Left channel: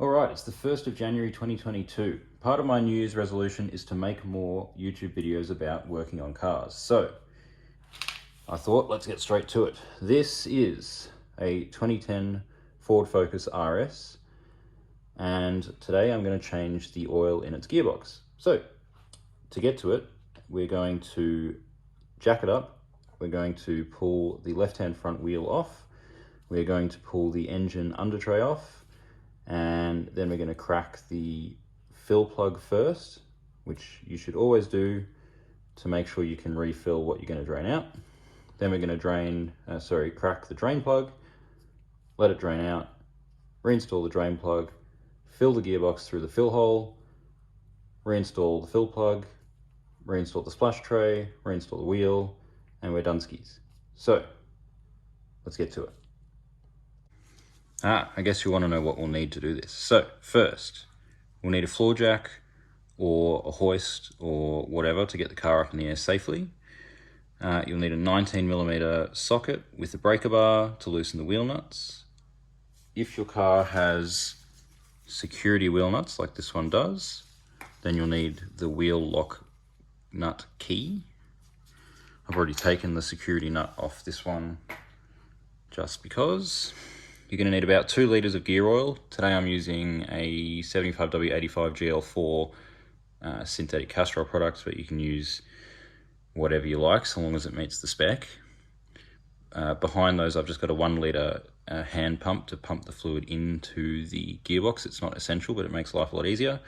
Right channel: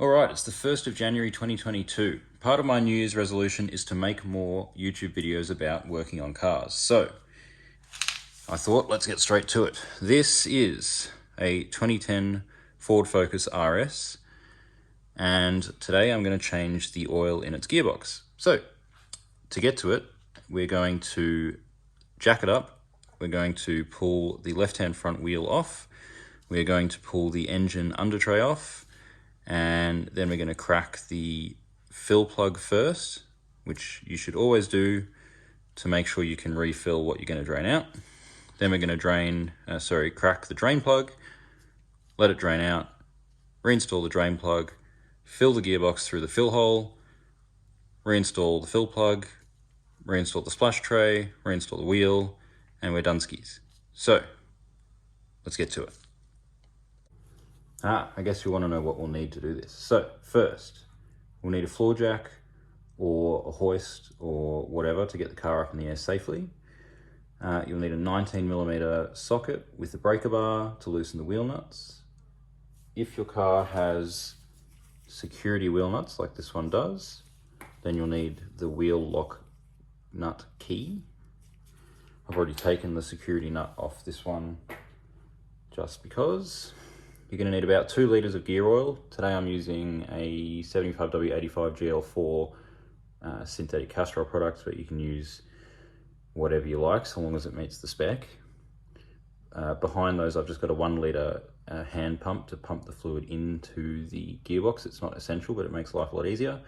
Alright, it's the 1st of January 2022. Part of my New Year's resolution is to make more YouTube videos about working on cars. So, I thought, let's get straight to it. This is a 2010 Ford Focus RS, and today I'm going to change the oil in its gearbox. So, to get to it, we're going to jack it up, we're going to pull the left-hand front wheel off, we're going to pull the engine under tray off, and then we're going to crack the fill plug first, which you should always do to make sure you can refill what you're going to drain out. Then we're going to crack the drain plug, let it drain out, reinstall the drain plug, fill the gearbox through the fill hole, reinstall the fill plug, reinstall the splash tray, reinstall the wheel, and we're done skis. So, let's get to it. I guess you want to know what we'll need to do this. So, first, we'll need a floor jack or a hoist or whatever to get the car up in the air safely. You'll need a 19mm socket with a breaker bar to loosen the wheel nuts. If your car has security wheel nuts like this one does, then you'll need the wheel lock nut key. I've already taken the security nut off this one just because. You're going to need about 2 litres of gear oil. Today I'm using a 75W85 GL4 synthetic castor oil product, but you can use whatever you like so long as it meets the spec. Behind those I've just got a 1 litre hand pump to pump the fluid into the gearbox. It's not essential, but it makes life a lot easier.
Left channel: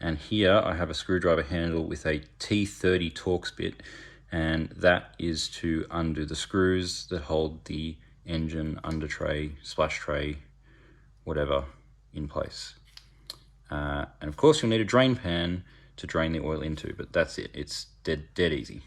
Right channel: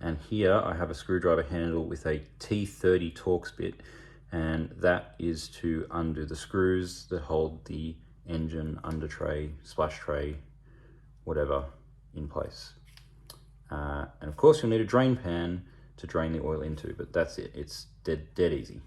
And here I have a screwdriver handle with a T30 Torx bit, and that is to undo the screws that hold the engine, under tray, splash tray, whatever, in place. And of course you'll need a drain pan to drain the oil into, but that's it. It's dead easy.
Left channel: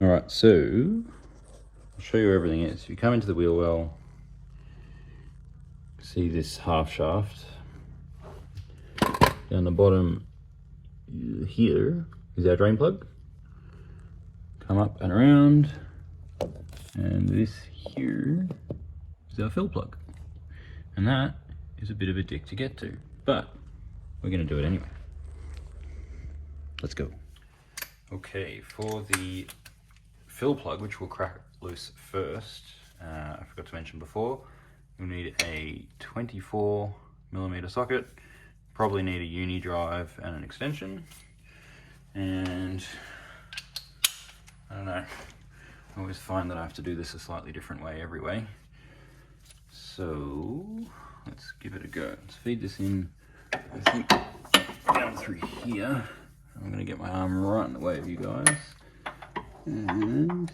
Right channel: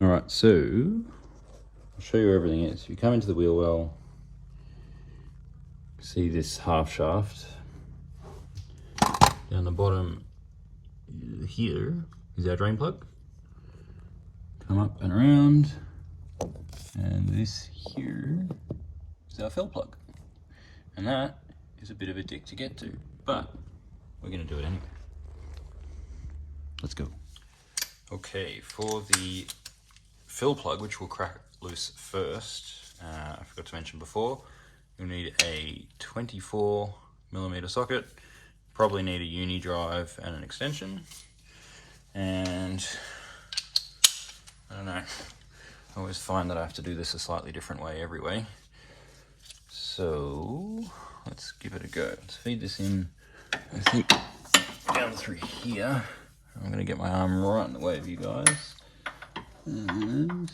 Alright, so I'll show you where everything is. You come into the wheel well, see this half shaft. Down the bottom here is our drain plug. Come up and around, and this here is our fill plug. And that is a bit of a dick to get to, but we're going to do it anyway. Let's go. Okay, for the fill plug, which we'll crack loose first, I forgot to mention before, you'll need a 24mm socket, probably need a uni drive and an extension, and I don't know, I always find that I have to do this a slightly different way every way, so let's give it a go. Let's feed this in, I think, down through here. I'm going to get my arm right in the way of you guys. And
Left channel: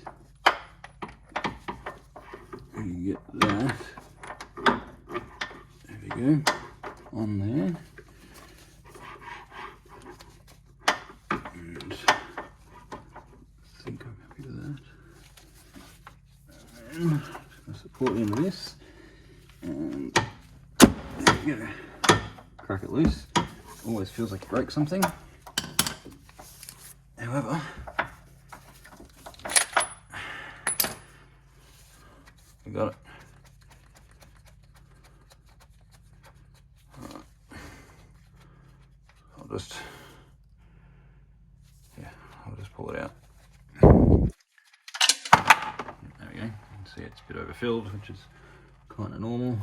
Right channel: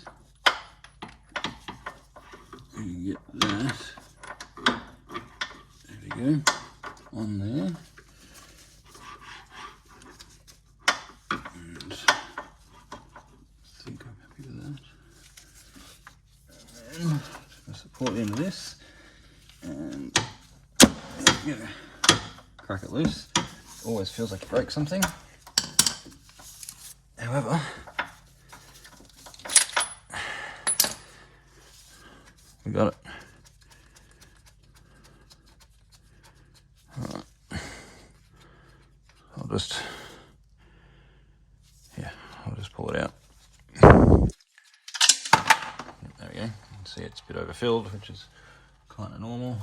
you get that, there we go, on there, and I think I'm happy with that, and then just going to support the end of this, and there we go, crack it loose. Always feels like you broke something, however, we got it. Alright. I'll just pull it out. There we go. You can see it's a bit overfilled, which is kind of normal.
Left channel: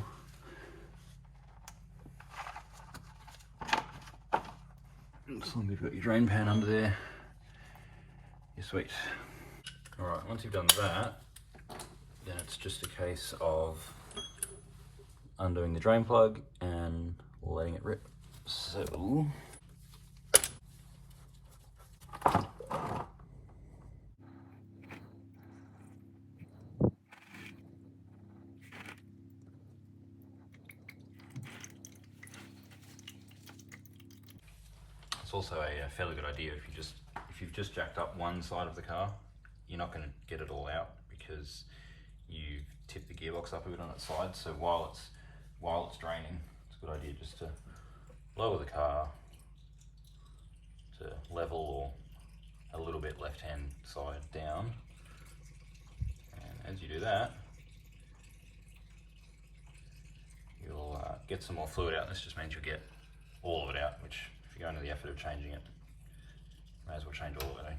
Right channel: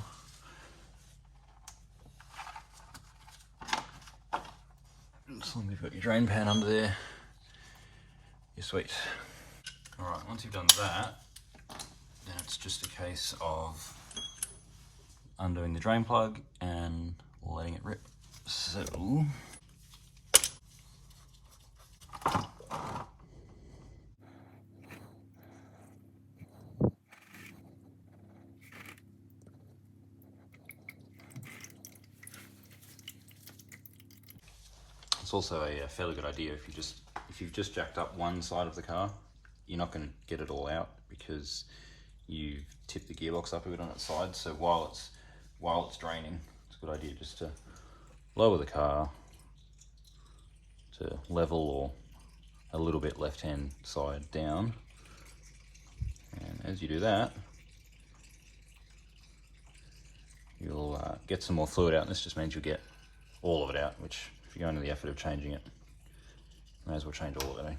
As long as you've got your drain pan under there, you're sweet. Alright, once you've done that, then it's just a case of undoing the drain plug and letting it rip. So It's also a fairly good idea if you've just jacked up one side of the car, you're not going to get it all out because you've tipped the gearbox up a bit on its side. So while it's draining, it's a good idea just to lower the car to level or a little bit left-hand side down. And as you do that, you'll get some more fluid out, and this just means you'll get all of it out, which if you're going to the effort of changing it, may as well change all of it, eh?